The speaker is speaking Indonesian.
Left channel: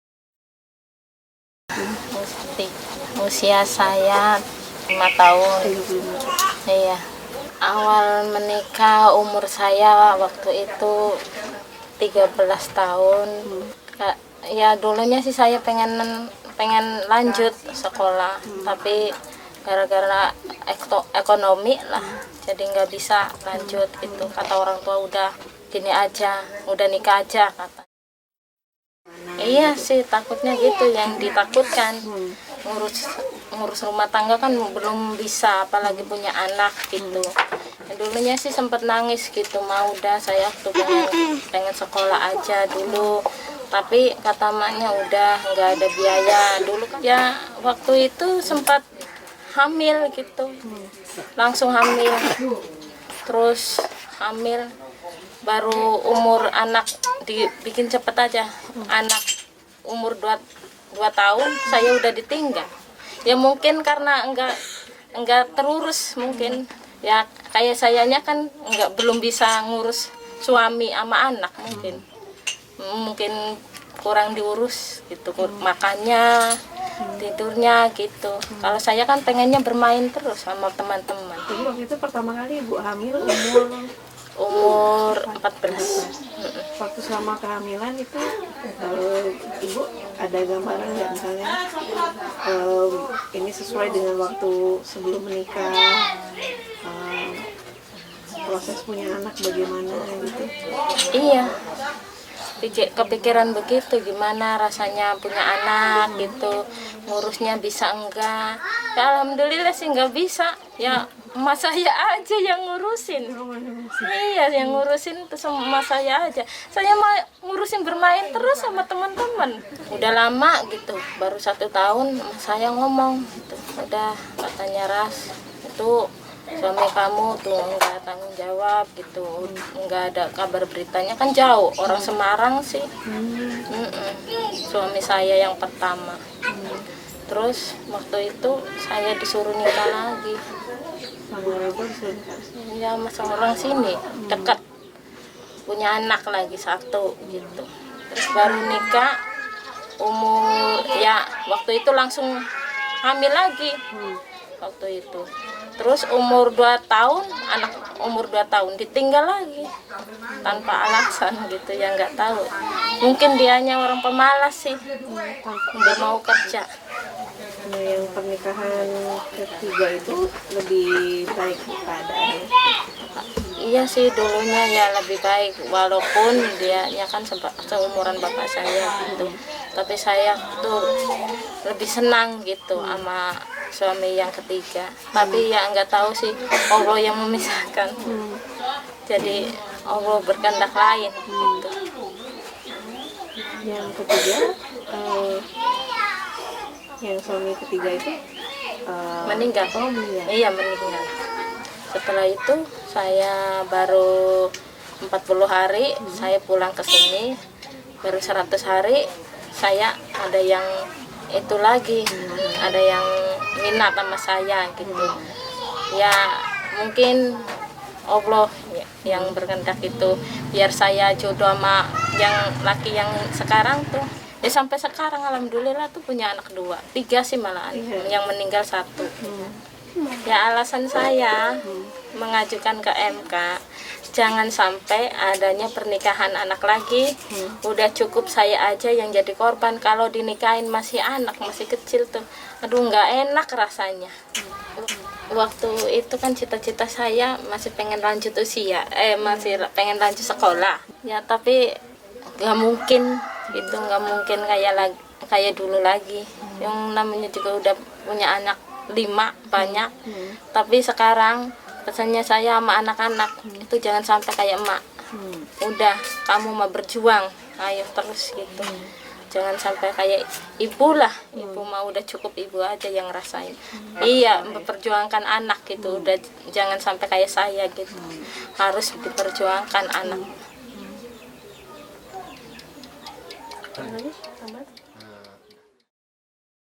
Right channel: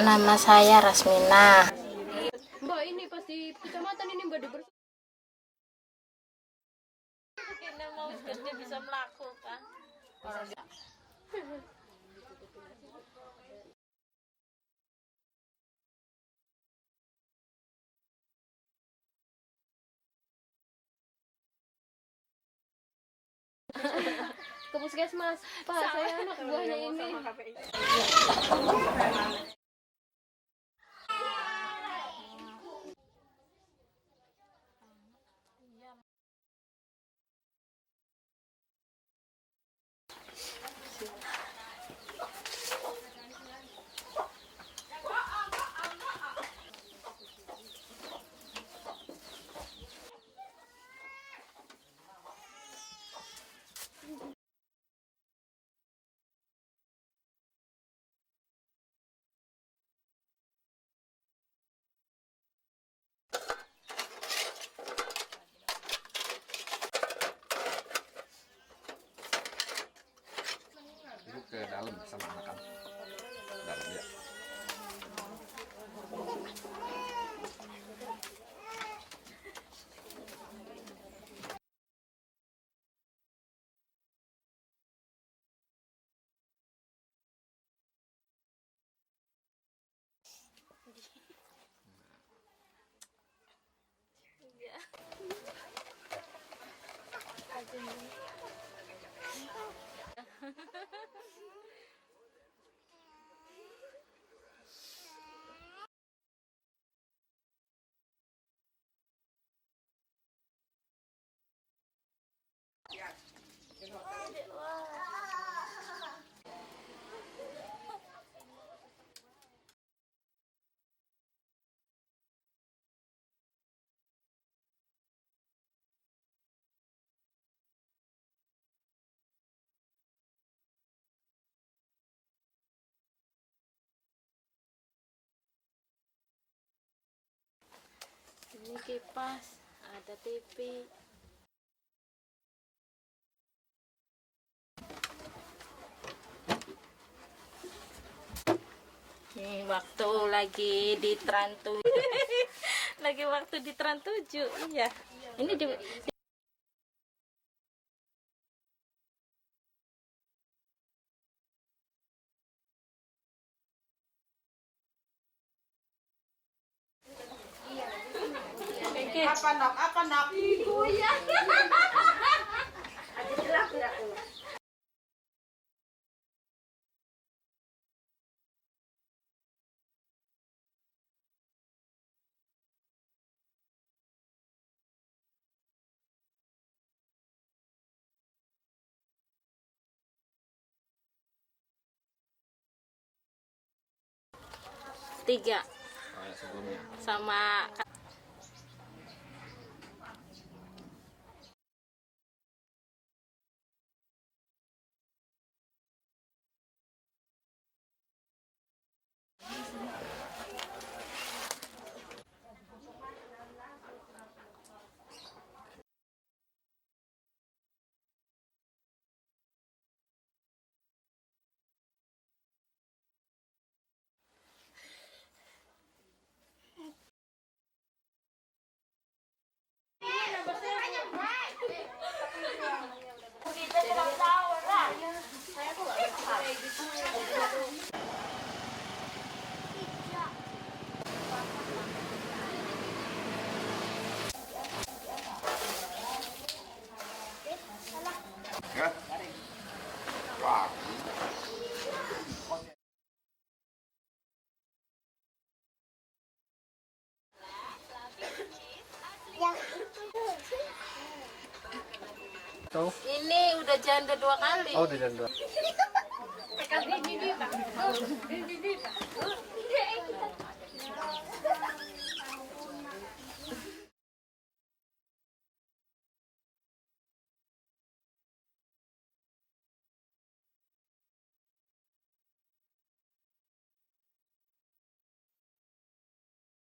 Nama saya Rasmina. Usia saya 5 tahun. Iya. Awal menikah umur saya waktu itu 13 tahun. Ya dulunya sih saya pengen lanjut sekolah, tapi gara-gara ekonomi lah jadi nggak bisa lanjut gitu. Kata orang tua udah gini aja, udah nikah aja kata. Iya sih takutnya gitu, yang ditakutkan ngurus rumah tangga kan belum bisa, apalagi punya anak gitu. Dulunya sih sempat nangis gitu, mau udah saya tuh pengen sekolah aja dulu, tapi kata maknya udah nggak ada biaya dulu kan. Ya waktu itu sempat hamil gitu, langsung hamil, terus hamil baru umur anak dibikin cepet aja, anak umur 2 tahun saya udah ditinggal. Ya mungkin karena enggak terurus mungkin, ya kayak sayanya kan belum bisa ngurus suami sama anak, mungkin kurang diurus gitu, makannya tidurnya gitu. Kalau saya kan pengennya bermain terus sama teman-teman. Jadi waktu itu pertama kali Ibu hamil umur 14. Waktu selama kehamilan itu Ibu ada gambaran nggak, misalnya ini sesuai dengan waktu sebelum menikah, proses punya anak bagaimana gitu? Iya, kepikiran begitu, gimana rasanya punya anak gitu, ngurusnya bisa enggak. Ya alhamdulillah sih nggak bisa, ya emak saya aja yang ngurusin. Iya, yang ngurusin itu sama emak saya aja. Saya mah ngurusin bermain terus sama teman-teman. Udah lama gitu, baru 1 tahun saya ngomong gitu. Udah, katanya Ras, itu suami kamu tuh nggak tanggung jawab gitu, nggak ada kabar beritanya, kan jauh, orang Semarang sih. Suami saya yang pertama. Terus waktu itu saya disuruh nikah lagi. Ya sama orang sini dekat, punya anak lagi 1 gitu. Terus baru nikah waktu itu langsung hamil lagi waktu itu. Terus umur 2 tahun, anak umur 2 tahun ditinggal lagi tanpa alasan gitu, ya nggak tahu. Mungkin dianya orang pemalas sih, nggak mau kerja. Yang pernikahan ketiga itu lebih baik keadaan? Iya sih, dulunya ya lebih baik, walaupun dia kan seumuran bapak saya gitu. Tapi saya tuh lebih senang gitu sama suami yang ketiga. Tapi ya nggak tahu sih, Allah yang memisahkan. Jadi Allah berkehendak lain gitu. Yang ketiga, yang suami ketiga itu meninggal. Meninggal. Iya, meninggal. Setelah itu saya baru 40 hari saya pulang ke sini, baru 100 hari saya ada yang itu lagi, ada yang minat sama saya gitu. Ya mungkin Allah yang berkehendak itu, biar saya jodoh sama yang laki yang sekarang tuh. Ya sampai sekarang alhamdulillah tuh punya anak 2, 3 sih malahan, yang meninggal 1. Ya alasan saya mengajukan ke MK, jangan sampai adanya pernikahan anak lagi. Udah cukup saya aja yang jadi korban, kalau dinikahin masih anak, masih kecil tuh, aduh nggak enak rasanya. Waktu itu kan cita-cita saya masih pengen lanjut usia, masih pengen lanjut sekolah. Ya tapi nggak mungkin gitu, nggak mungkin kayak dulu lagi. Yang namanya juga udah punya anak 5 banyak. Tapi sekarang pesannya saya sama anak-anak itu, jangan sampai kayak emak. Udah, kamu mau berjuang, ayo terus gitu. Jangan sampai kayak ibu lah, ibu mau udah cukup ibu aja yang ngerasain. Iya, memperjuangkan anak gitu. Udah jangan sampai kayak saya gitu. Harus diperjuangkan anak.